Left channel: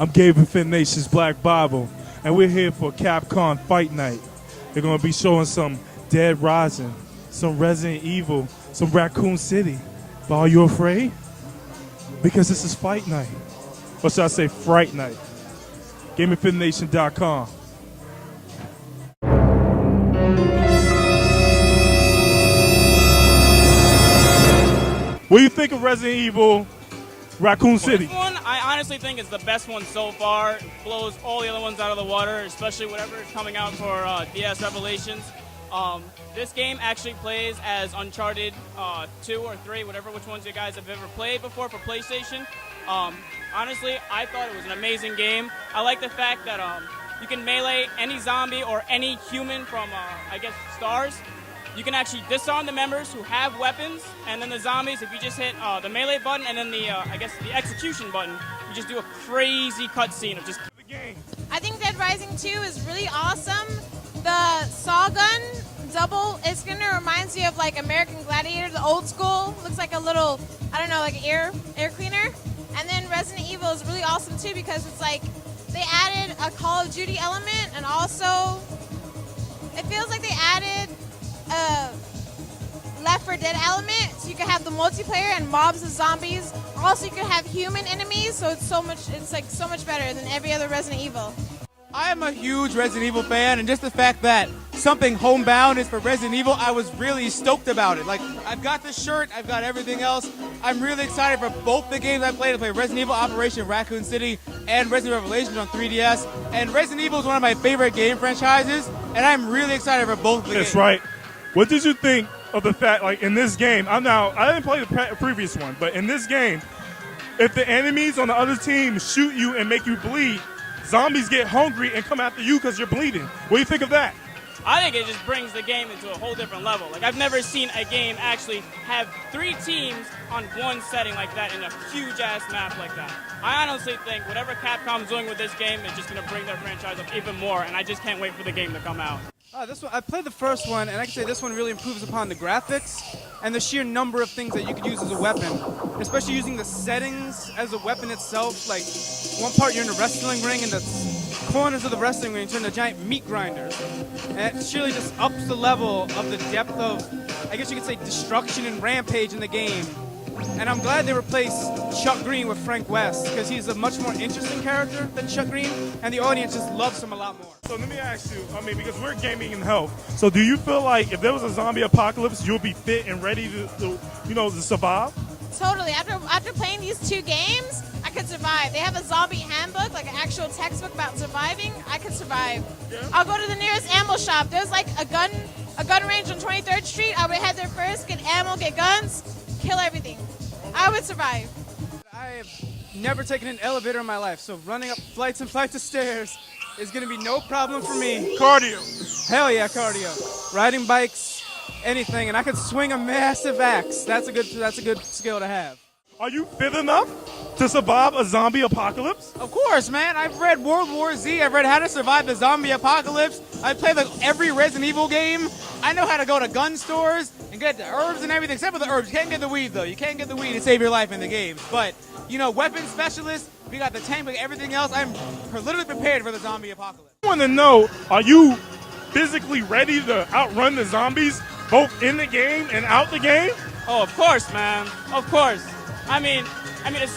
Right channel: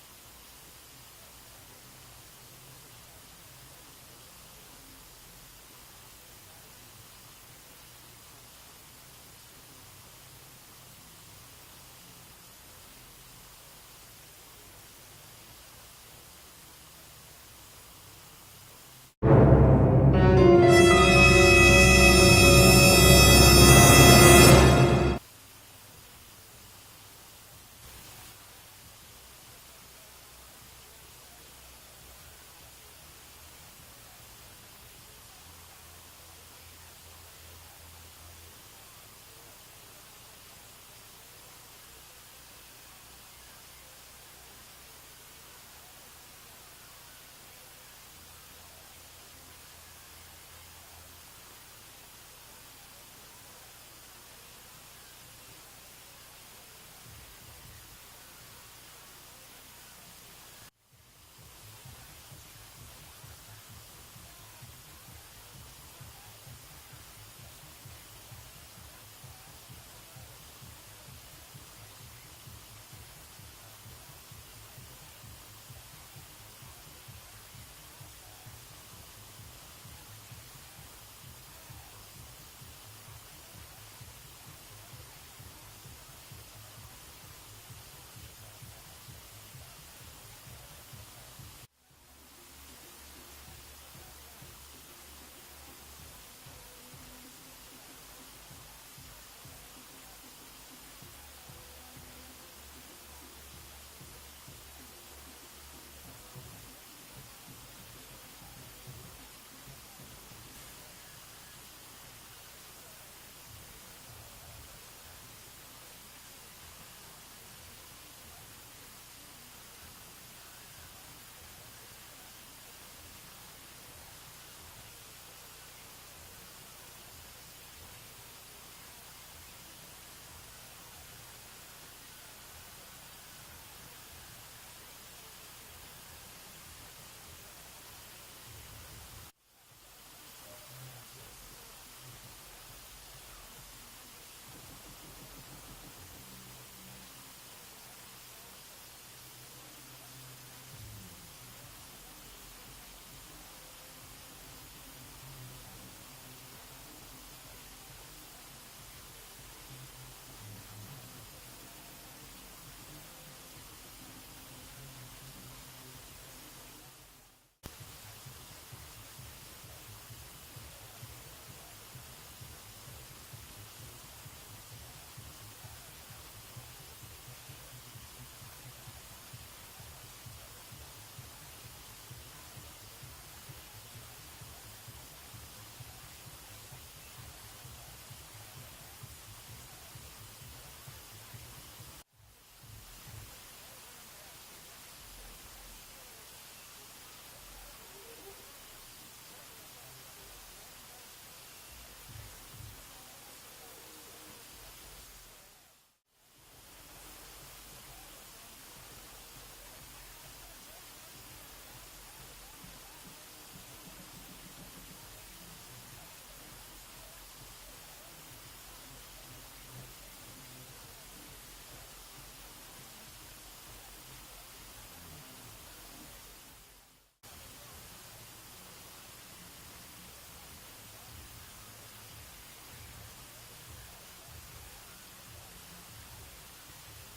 I'm GamerFitNation's BlackBible, and we're here for Capcom Fight Night. They're going to be showing some Dead Rising, some Resident Evil, some Raccoon City. But are you afraid? Because this is Fight Night. Or should I say Fright Night? GamerFitNation.com. What do you think of Resident Evil Raccoon City? This one, I honestly think is the best one so far. It blows all the other ones out of the water, especially whatever is coming out for DS Revelations. This game actually plays as Uncharted 2 or 3, which ones you guys have ever played before for PlayStation. Honestly, I thought it was an amazing game. I like the fact that you can melee any zombie or any human from, I guess, Stars. You can actually disarm the members who have weapons, and then the zombies, if you just hit the melee button and then the, I guess, the execution button, you just do a crazy cutscene of just the game. I think Dead Rising 2 is really awesome. The saw gun double, it's going to remind you of like American Gladiator, the old school. Looks like a little, I don't know, like air cleaner. And then Resident Evil is really awesome too because it's like they added a Call of Duty element, and also it feels like they added a Left 4 Dead element, so you can have the multiplayer and mobs of zombies. Also, you can have human enemies, so it's so much better than every other Resident Evil. I am a huge Resident Evil fan, and just the fact that something homebound is for Resident Evil, I was really stoked about it. Like, I've got the shirt, I've got everything else. I'm really excited for both the games I played. I played Resident Evil Operation Raccoon City and Resident Evil Revelations on 3DS. And Resident Evil is one of my favorite game franchises, and I'm really excited for both of the games. That's right. What did you think of the fact, like in this game, I didn't play the previous one, but in this game, if the enemies on the other team shoot you and make you bleed, zombies get hungry and come after you because you're bleeding. What do you think of that? I think it just brings the game into a whole different level. Like, I've never seen a game actually have 3 teams on one setting like that in a huge-ass map like that. I honestly think whatever Capcom's doing with this game is just going to bring their franchise up even more, and I just can't wait for the game to come out. This one, I played the first one, and I can say this one really improves upon the graphics and the sheer number of things that you could use as a weapon, especially using the settings as a weapon itself. Like, one part you're in a wrestling ring, and the corners of the wrestling ring turn into giant meat grinders. And it surely just ups the level of the depth of, I guess you could say, destruction and rampage in the game. And I'm glad they replaced Chuck Green with Frank West, because he's a much more interesting character than Chuck Green, and the audience just loves him a lot more. So let me ask you, because we're gaming in health, so do you feel like if there was a zombie apocalypse, you'll be fit and ready to survive? Totally. After playing these 2 games, I could survive. They have a zombie handbook, like an actual textbook about surviving. I could survive. Yeah. I'll go to the nearest ammo shop. There's like a gun range on 23rd Street. I would head there first, get ammo, get guns, kill everything. I would survive. I have never taken an elevator in my life, so running up flights and flights of stairs is going to be no problem for me. Cardio. Hell yeah, cardio. Riding bikes, anything, and I could swing a massive axe. That's a good skill to have. Are you fit enough to survive a zombie apocalypse? Of course, man. I've read World War Z. I've read How to Survive the Zombie Apocalypse. I've played like every Resident Evil game. I know how to go to gun stores and get the herbs and everything, except for the herbs. You can't get the weed, though. You can't get the weed to save your life in the game. But, weapon specialist, we got the tank, we got everything else. I'm literally prepared for the zombie apocalypse. I want to know, are you physically ready to outrun the zombies, both in the game and out the game? Oh, of course, man. Of course. I mean, as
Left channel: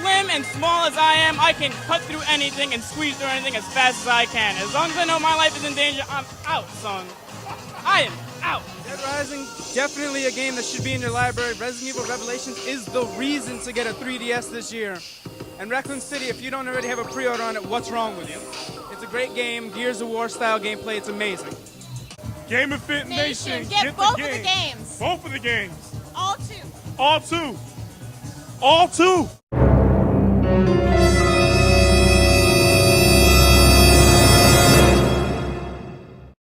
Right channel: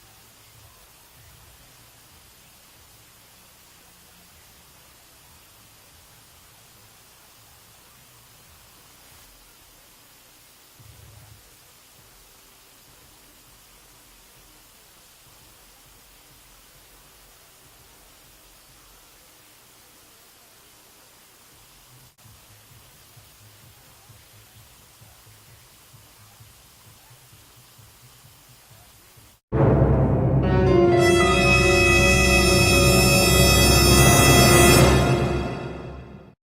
slim and small as I am, I can cut through anything and squeeze through anything as fast as I can. As long as I know my life is in danger, I'm out, son. I am out. Dead Rising, definitely a game that should be in your library. Resident Evil Revelations is the reason to get a 3DS this year. And Raccoon City, if you don't already have a pre-order on it, what's wrong with you? It's a great game, Gears of War style gameplay, it's amazing. GamerFitNation, get both of the games. Both of the games. All 2. All 2. All 2.